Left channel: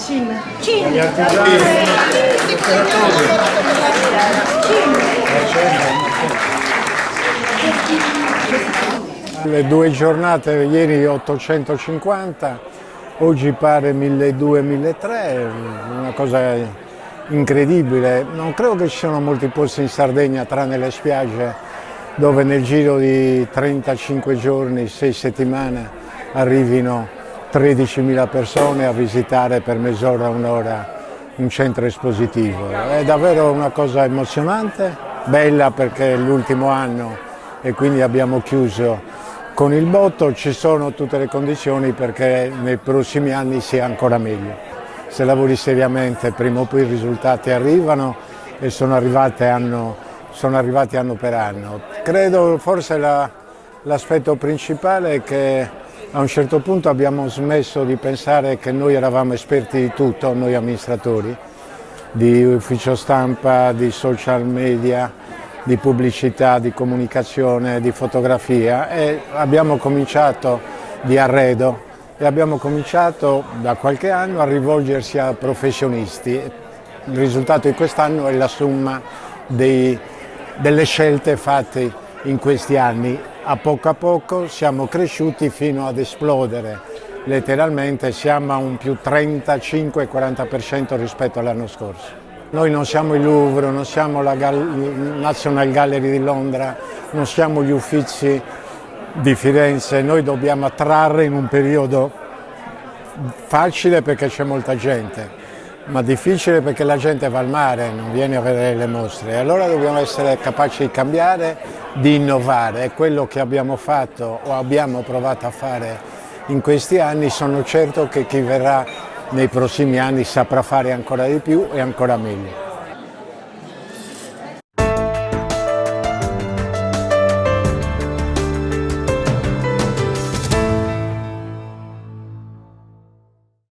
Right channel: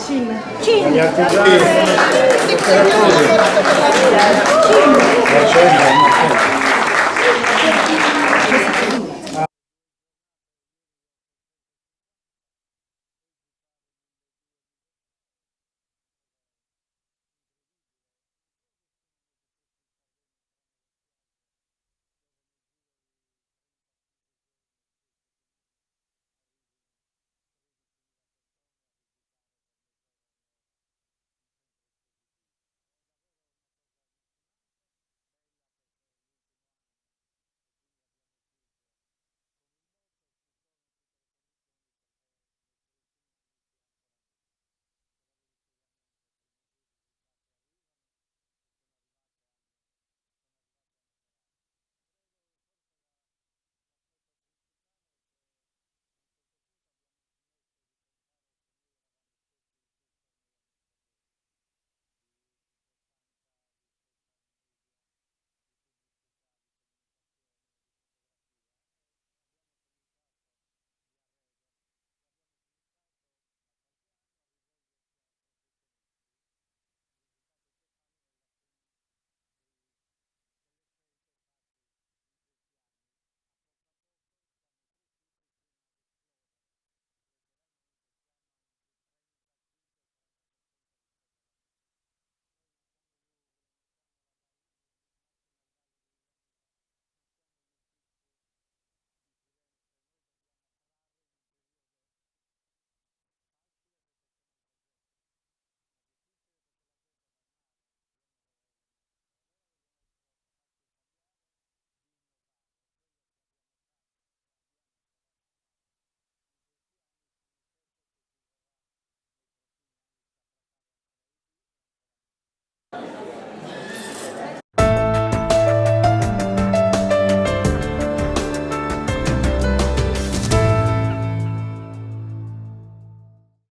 Cina. Gli artigiani, le 2 giornate, ieri 850, oggi pare 1200-1300, una cosa incredibile. Non credo che ci siano molti posti in Sardegna, tranne le spiagge, dove nel giro di 35 giorni, 6 settimane, arrivino 13.000 persone a visitare per mezz'ora, un'ora un centro espositivo. È davvero una cosa emozionante, bella perché è l'ultimo anno e quindi abbiamo chiuso con il botto. Ci sono tutte le condizioni perché nei prossimi anni sia ancora meglio. Se lavori seriamente prima o poi i risultati arrivano e sono arrivati anno per anno. Credo forse l'aspetto principale è che a un certo punto abbiamo smesso di pensare che noi eravamo esperti di tutto, noi amministratori, di ufficio stampa, di social media, di pubblicità, di comunicazione, di fotografia, e abbiamo cominciato di arredo e abbiamo cominciato da qualche anno a rivolgersi a professionisti. Il risultato di quest'anno è la somma delle scelte fatte in questi anni. A poco siamo cresciuti fino ad esplodere, letteralmente siamo a un più 35-40% rispetto all'anno scorso. Noi non siamo il Louvre, non siamo la National Gallery di Londra, non siamo gli Uffizi di Firenze, noi dobbiamo attrarre in un periodo facile perché c'è molta gente, ma difficile perché la gente va al mare, non viene a vedere le mostre. Allora dobbiamo essere capaci di cambiare, di innovare. È quello che abbiamo fatto o abbiamo provato a fare in questi anni. Sono certo che chi verrà nei prossimi anni saprà fare ancora di più e ancora meglio.